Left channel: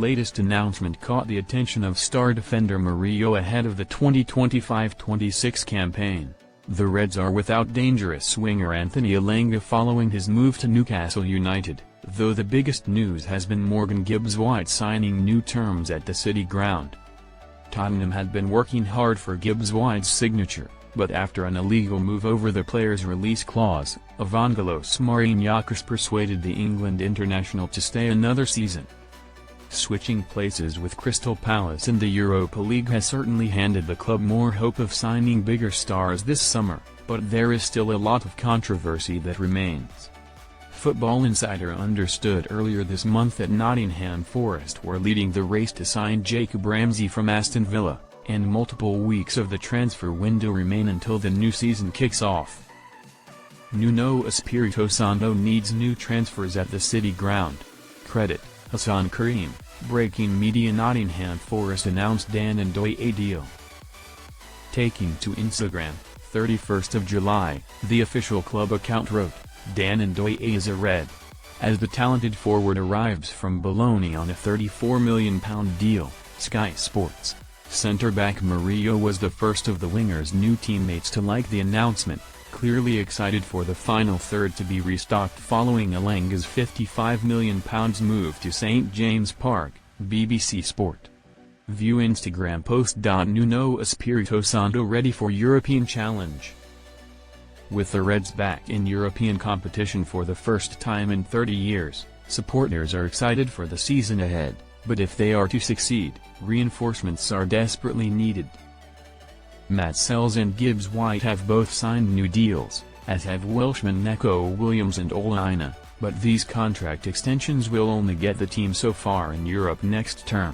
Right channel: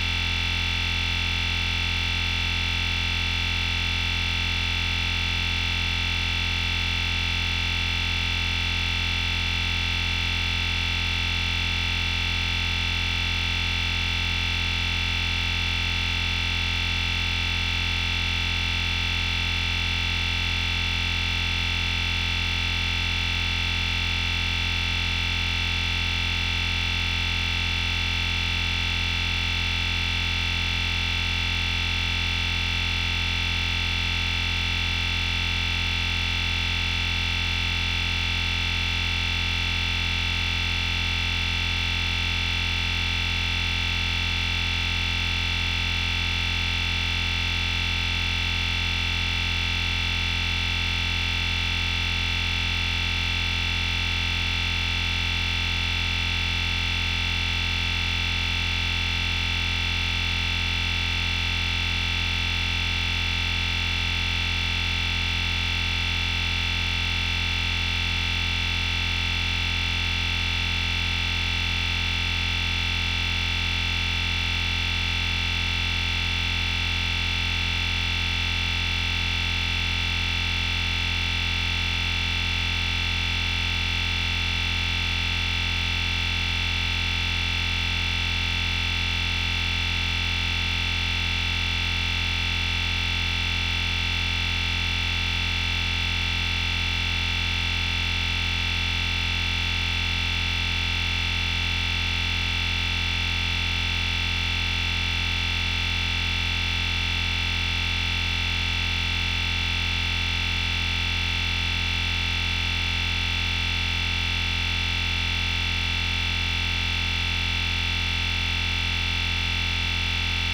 latest announcement caught the attention of star defender Murillo ahead of the 2025-26 campaign. The Reds are without dangerous swinger Anthony Elanga following his move to Newcastle United, though the biggest news has been Morgan Gibbs-White signing new terms at the City Ground. Tottenham had been working hard for Gibbs-White's signature, but after an illegal move over the player's release clause, Evangelos Marinakis persuaded the England international to stay another season. Switching places with Crystal Palace in the Europa League has certainly handed the club more hope of signing bigger stars this summer, but there is still a lot of controversy that remains. Football Insider understood earlier this month that Nottingham Forest were leading the race to sign Jacob Ramsey from Aston Villa, and multiple weeks of the transfer window remain until the new season kicks off. Nuno Espirito Santo needs new transfers at the City Ground. Credit, Hassan Karim. Breaking media: Nottingham Forest announced Dan Ndoye deal. Taking to Instagram, 31st of July, the official club account wrote, Dan Ndoye is a Red. As the talented forward arrives from Bologna on a £34 million deal, Sky Sports. Centre-back Murillo was the first of the winger's new teammates to like the announcement, clearly excited for the final third to be restocked following Elanga's £55 million move to St James Park, BBC Sport. View Instagram post. Nuno Espirito Santo ready for European challenge. With the Reds back in European competition for the first time in 30 years, supporters are excited for the season ahead, but if they are to succeed, reinforcements are desperately needed. Matt Sells and Gibbs-White have both signed new deals, as have Welshman Neco Williams and Olaina, but these contract extensions will only get the team so far in Europe next term.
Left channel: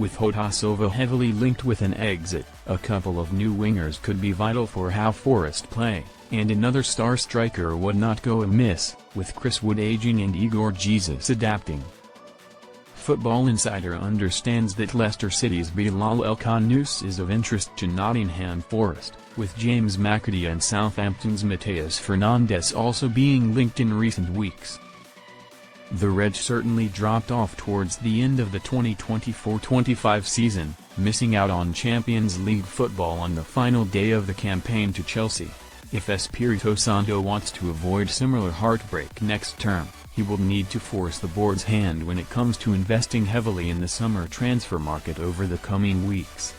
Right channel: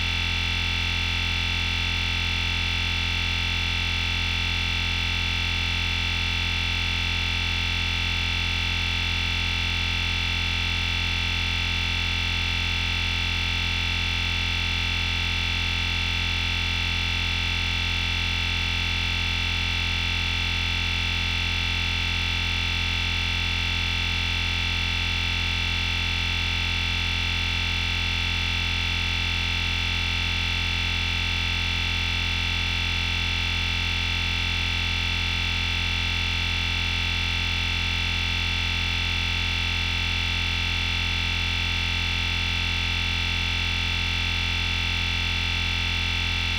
With Jota Silva heavily linked with an exit, a couple of new wingers could be vital for how Forest play, and another star striker would not go amiss, with Chris Wood aging and Igor Jesus adapting. Football Insider understands that Leicester City's Bilal El-Khanous is of interest to Nottingham Forest, with James McAtee and Southampton's Mateus Fernandes also being linked in recent weeks. The Reds certainly dropped off towards the end of the 2024-25 season, missing out on Champions League football on the final day of the campaign to Chelsea. If Espirito Santo wants to avoid similar heartbreak next term, he will need to force the board's hand when it comes to investing heavily in the summer transfer market over the coming weeks.